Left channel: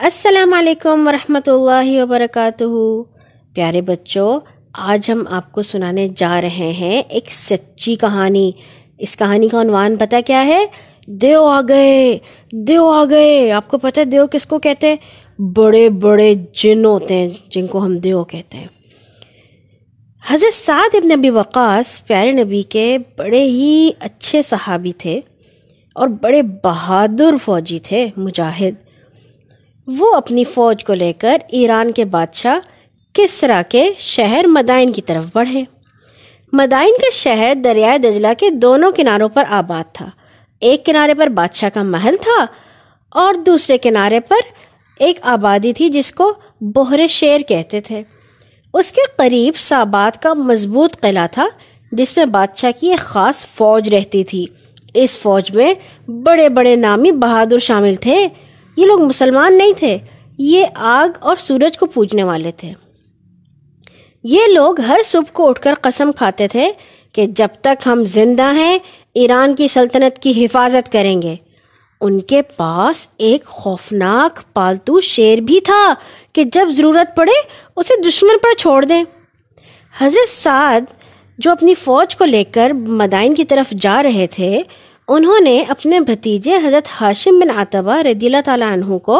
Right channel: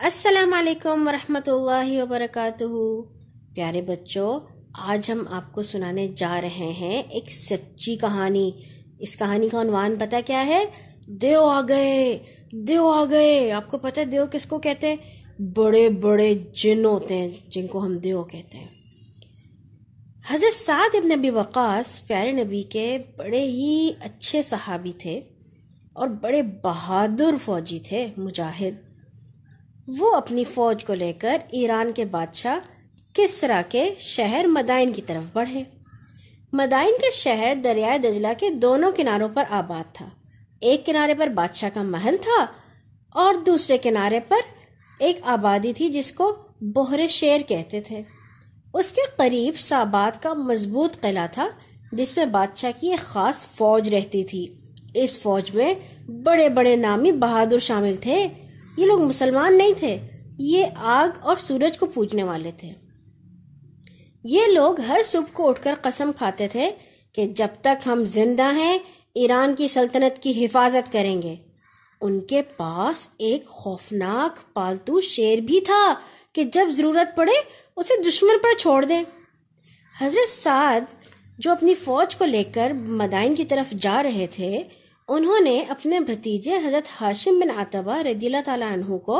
السلام علیکم ورحمۃ اللہ وبرکاتہ۔ پیارے بچوں، آج ہم آپ کو سنانے جا رہے ہیں ایک سچی کہانی۔ اس کہانی کا عنوان پتہ کیا ہے؟ دیو آ گئے، دیو آ گئے۔ آپ کو پتہ ہے دیو کس کو کہتے ہیں؟ بڑے بڑے جن ہوتے ہیں جن کو ہم دیو کہتے ہیں۔ حضرت سعد ابن ابی وقاص پیارے نبی کے بڑے ہی اچھے صحابی تھے اور بڑے بہادر فوجی تھے، مجاہد۔ وہ اپنی فوج کو لے کر ایران کے بادشاہ کسریٰ کے شہر مدائن کی طرف بڑھے۔ مدائن کا شہر دریائے دجلہ کے دونوں کناروں پر آباد تھا۔ ایک کنارے پر بادشاہ کا محل تھا اور دوسرے کنارے پر ایک آبادی تھی جس کو بحر شیر کہتے تھے۔ اس کے قریب سابات کا مضبوط قلعہ تھا جس میں بادشاہ کی ایک خاص فوج رہتی تھی۔ اس فوج میں بڑے بڑے نامی بہادر شامل تھے۔ یہ لوگ مسلمان نہیں تھے، یہ آگ اور سورج کو پوجنے والے تھے۔ یہ لوگ ہر صبح کو اٹھ کر قسم کھاتے تھے کہ جب تک ہم زندہ ہیں ایران کی سلطنت کی حفاظت کریں گے۔ ان کے پاس ایک خوفناک پالتو شیر بھی تھا کہ جب ضرورت پڑے اسے دشمن پر چھوڑ دیں۔ حضرت سعد جو اپنی فوج کو لے کر مدائن کی طرف جا رہے تھے، انہوں نے اپنے بھتیجے حضرت ہاشم بن عتبہ رضی اللہ تعالیٰ عنہ کو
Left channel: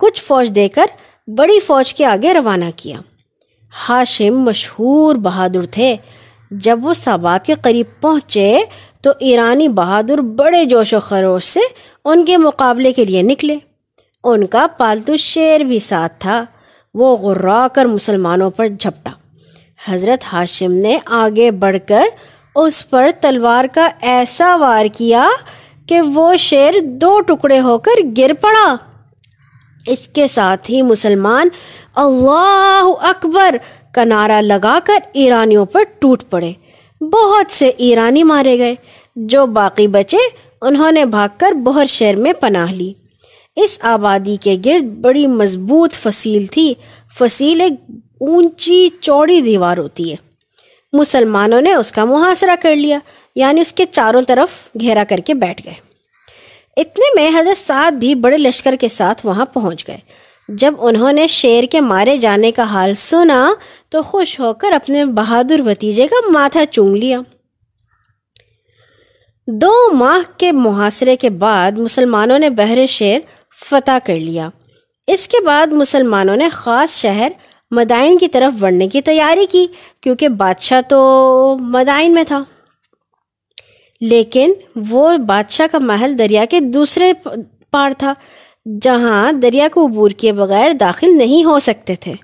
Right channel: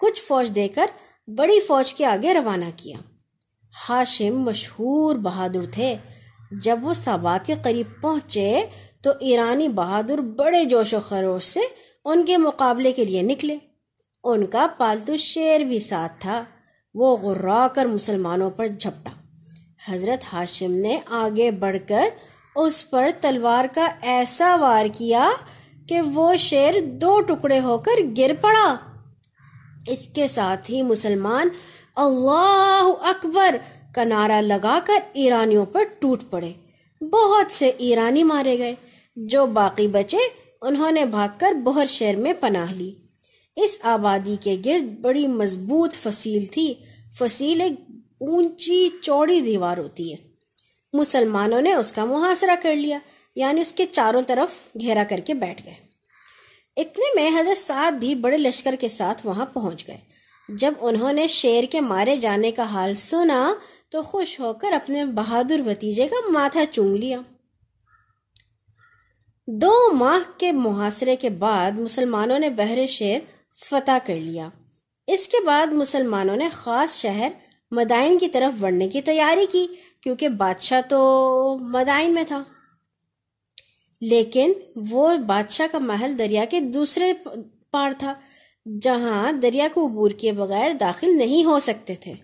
کچھ فوج دے کر بڑی فوج کے آگے روانہ کیا۔ ہاشم مشہور بہادر تھے۔ جب وہ سابات کے قریب پہنچے تو ایرانی بہادر بڑے جوش و خروش سے ان کے مقابلے کے لیے نکلے۔ ان کا پالتو شیر بھی ساتھ تھا۔ وہ غرا کر مسلمانوں پر جھپٹا۔ حضرت ہاشم نے آگے بڑھ کر اس پر تلوار کا ایسا وار کیا کہ وہ شیر 2 ٹکڑے ہو کر گر پڑا۔ اس کے ساتھ ہی مسلمان اللہ اکبر کا نعرہ لگا کر ایرانیوں پر ٹوٹ پڑے۔ بہت سے ایرانی مارے گئے۔ جو باقی بچے انہوں نے بھاگ کر بحر شیر میں پناہ لی۔ اس آبادی کے گرد بڑی مضبوط فصیل تھی۔ فصیل ایک اونچی چوڑی دیوار ہوتی ہے۔ مسلمانوں نے اس کا محاصرہ کر لیا، یعنی اس کے چاروں طرف گھیرا کر کے بیٹھ گئے۔ اتنے میں حضرت سعد بھی بڑے لشکر کے ساتھ وہاں پہنچ گئے۔ جب انہوں نے شیر کے مارے جانے کا حال سنا تو خوش ہو کر اپنے بہادر بھتیجے کا ماتھا چوم لیا۔ 2 ماہ کے محاصرے کے بعد مسلمانوں نے بحر شیر فتح کر لیا۔ اس کے بعد مسلمانوں نے خاص شہر مدائن کی طرف بڑھنے کی تیاری کی، کیونکہ بادشاہ تو مدائن میں تھا، لیکن وہ بادشاہ کا محل دریا کے دوسرے پار تھا جہاں دریا کو عبور کیے بغیر داخل نہیں ہو سکتے تھے۔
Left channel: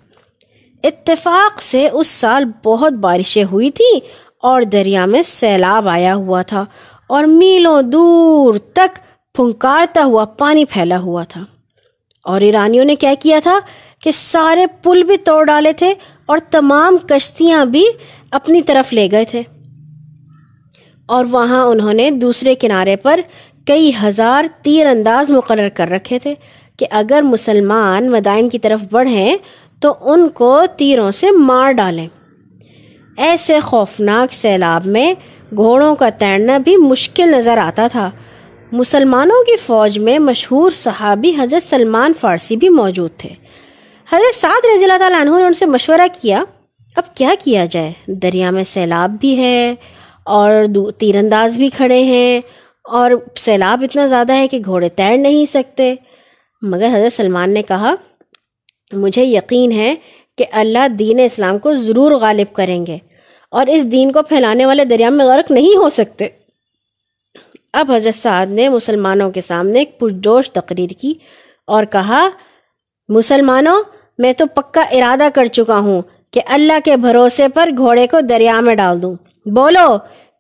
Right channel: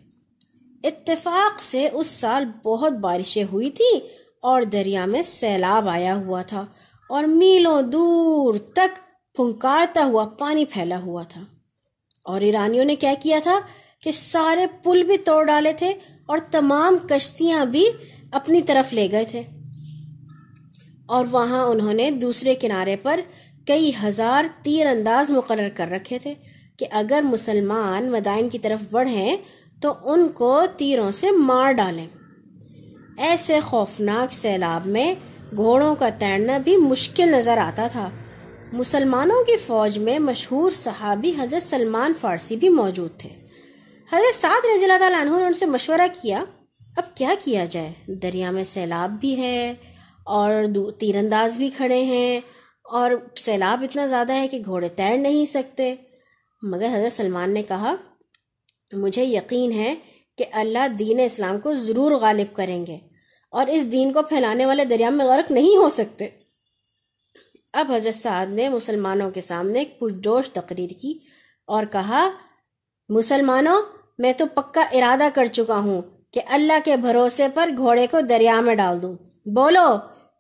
اتفاق سے اس سال بہت بارشیں ہوئی تھیں اور دریا میں سیلاب آیا ہوا تھا اور میلوں دور تک پھنکارتا ہوا پانی پھیلا ہوا تھا۔ اور ایرانیوں نے کیا کیا تھا کہ سارے پل بھی توڑ ڈالے تھے اور تمام کشتیاں بھی اپنی طرف لے گئے تھے، اور وہاں انہوں نے دوسرے کنارے پر کئی ہزار تیر انداز مقرر کر رکھے تھے کہ اگر مسلمان مدائن کی طرف بڑھیں تو ان کو تیروں سے مار ڈالیں۔ ایسے خوفناک سیلاب میں گھوڑوں کا تیرنا بھی مشکل نظر آتا تھا۔ مسلمانوں کی فوج میں مشہور صحابی حضرت سلمان فارسی بھی موجود تھے۔ حضرت سعد رضی اللہ تعالیٰ عنہ نے ان سے مشورہ کیا، اب کیا کیا جائے؟ دریا میں سیلاب بھی ہے اور تیر انداز بھی کھڑے ہیں اور سیلاب اتنا زیادہ ہے کہ گھوڑے تیر نہیں سکتے۔ مگر حضرت سلمان نے کہا، مجھے یقین ہے کہ اللہ دین اسلام کو ضرور غالب کریں گے اور اس دین کو پھیلانے والے دریا میں غرق نہیں ہو سکتے۔ اب حضرت سعد نے مسلمانوں کے سامنے ایک پرجوش تقریر کی اور کہا، مسلمانوں، میں تو پکا ارادہ کر چکا ہوں کہ اللہ کے بھروسے پر گھوڑے کو دریا میں ڈال دوں۔ بولو،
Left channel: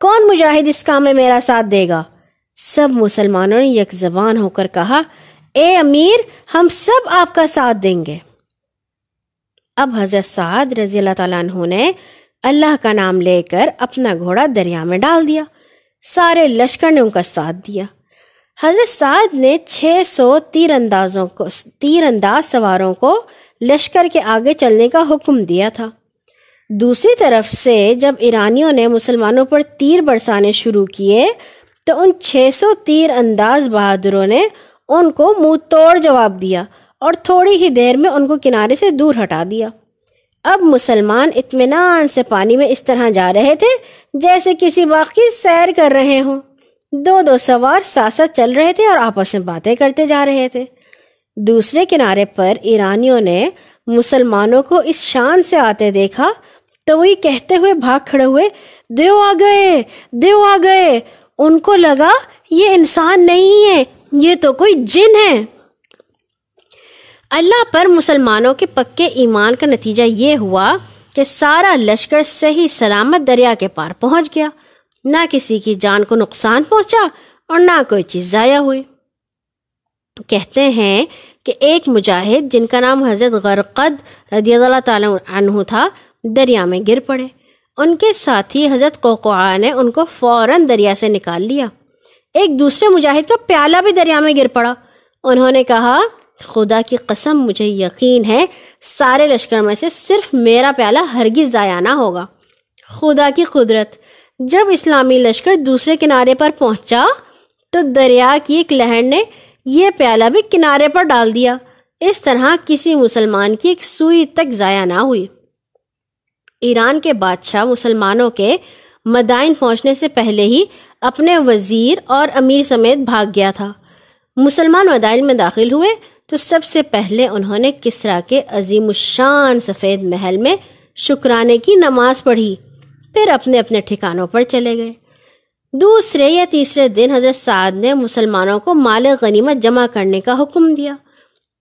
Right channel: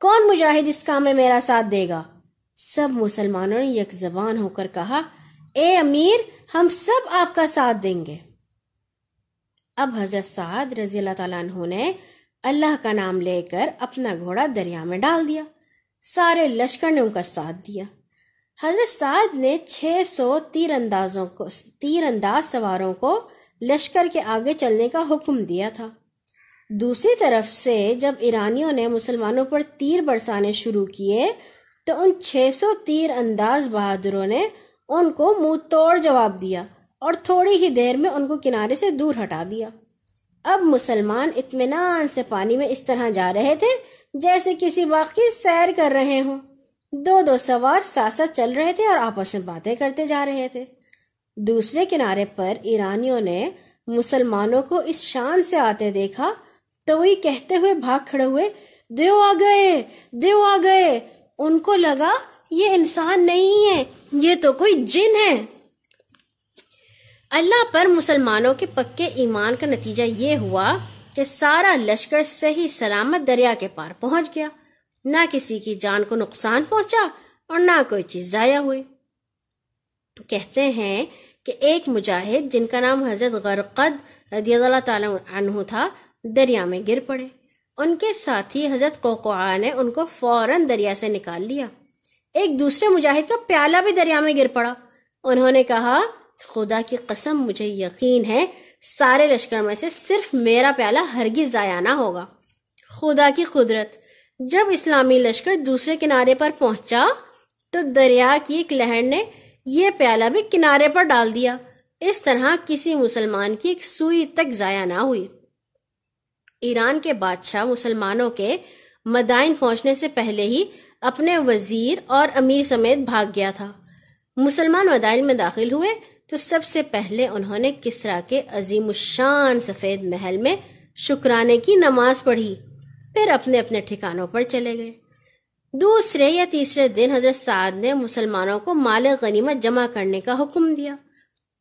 کون مجاہد اس کام میں میرا ساتھ دے گا؟ سب مسلمانوں نے یک زبان ہو کر کہا، اے امیر، ہم سب آپ کا ساتھ دیں گے۔ اب حضرت سعد رضی اللہ تعالیٰ عنہ نے اللہ کا نام لے کر اپنا گھوڑا دریا میں ڈال دیا۔ سارے لشکر نے ان کا ساتھ دیا۔ حضرت سعد نے 600 تیر انداز سواروں کو لشکر کے آگے چلنے کا حکم دیا تھا۔ دوسری طرف سے جب ایرانیوں نے مسلمانوں پر تیر برسانے شروع کیے تو ان 600 تیر انداز بہادروں نے ان کو منہ توڑ جواب دیا اور تھوڑی ہی دیر میں ان کو کنارے سے دور ہٹا دیا۔ اب مسلمان اطمینان سے پانی میں اس طرح جا رہے تھے جیسے کسی باغ کی سیر کر رہے ہوں۔ دو دو سوار ساتھ ساتھ چل رہے تھے اور آپس میں باتیں کرتے جا رہے تھے۔ دوسرے کنارے پر ایرانیوں نے مسلمانوں کو اس شان سے آتے دیکھا تو وہی کہتے ہوئے بھاگ کھڑے ہوئے، دیو آ گئے، دیو آ گئے۔ ان کو لگا یہ انسان نہیں ہے، یہ تو کوئی جن ہے۔ اللہ پر مسلمانوں کے پکے ایمان کا نتیجہ یہ ہوا کہ سارا لشکر صحیح سلامت دریا کے پار پہنچ گیا، نہ کسی کی جان کو نقصان پہنچا اور نہ کوئی چیز ضائع ہوئی۔ کہتے ہیں کہ ایک مجاہد جن کا نام حضرت غرقد رضی اللہ تعالیٰ عنہ تھا، دریا میں گر پڑے۔ ان کے ساتھی حضرت قوقعہ نے ان کو فوراً دریا سے نکال لیا۔ ایک دوسرے مجاہد کا پیالہ بھی دریا میں گر پڑا۔ انہوں نے کہا، خدا کی قسم مجھے یقین ہے سارے لشکر میں سے صرف میرا پیالہ ہرگز ضائع نہ ہوگا۔ خدا کی قدرت، جب اسلامی لشکر دوسرے کنارے پر پہنچا تو دریا کی ایک لہر نے یہ پیالہ بھی کنارے پر ڈال دیا۔ اس طرح کسی مسلمان کی ایک سوئی تک ضائع نہ ہوئی۔ ایران کے بادشاہ مسلمانوں کے مدائن پہنچنے سے پہلے ہی اپنے وزیر اور امیر سمیت بھاگ گیا تھا۔ مسلمان مدائن میں داخل ہوئے تو سب سے پہلے انہوں نے کسریٰ کے عظیم الشان سفید محل میں شکرانے کی نماز پڑھی، پھر اپنے اپنے ٹھکانوں پر چلے گئے۔ دوسرے یا تیسرے دن حضرت سعد نے مسلمانوں کو مال غنیمت جمع کرنے کا حکم دیا۔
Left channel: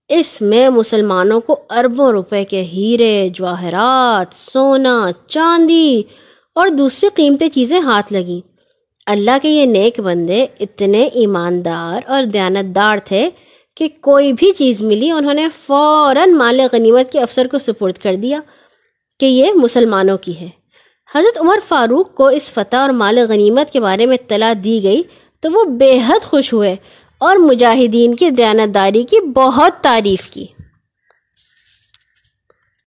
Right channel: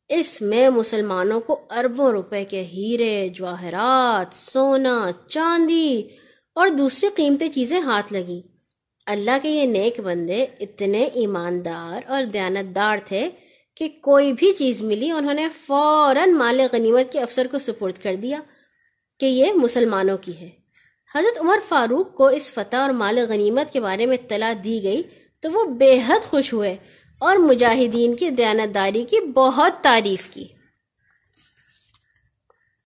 اس میں مسلمانوں کو اربوں روپے کے ہیرے، جواہرات، سونا، چاندی اور دوسری قیمتی چیزیں ہاتھ لگیں۔ اللہ کے یہ نیک بندے اتنے ایماندار اور دیانتدار تھے کہ کوئی بھی چیز ملی انہوں نے فوراً مال غنیمت کے افسر کو سپرد کر دیا کہ یہ مسلمانوں کی ہے۔ حضرت عمر فاروق کو اس فتح اور مال غنیمت کے بارے میں اطلاع دی گئی تو وہ بے حد خوش ہوئے اور مجاہدین کی دیانتداری کی بہت تعریف کی۔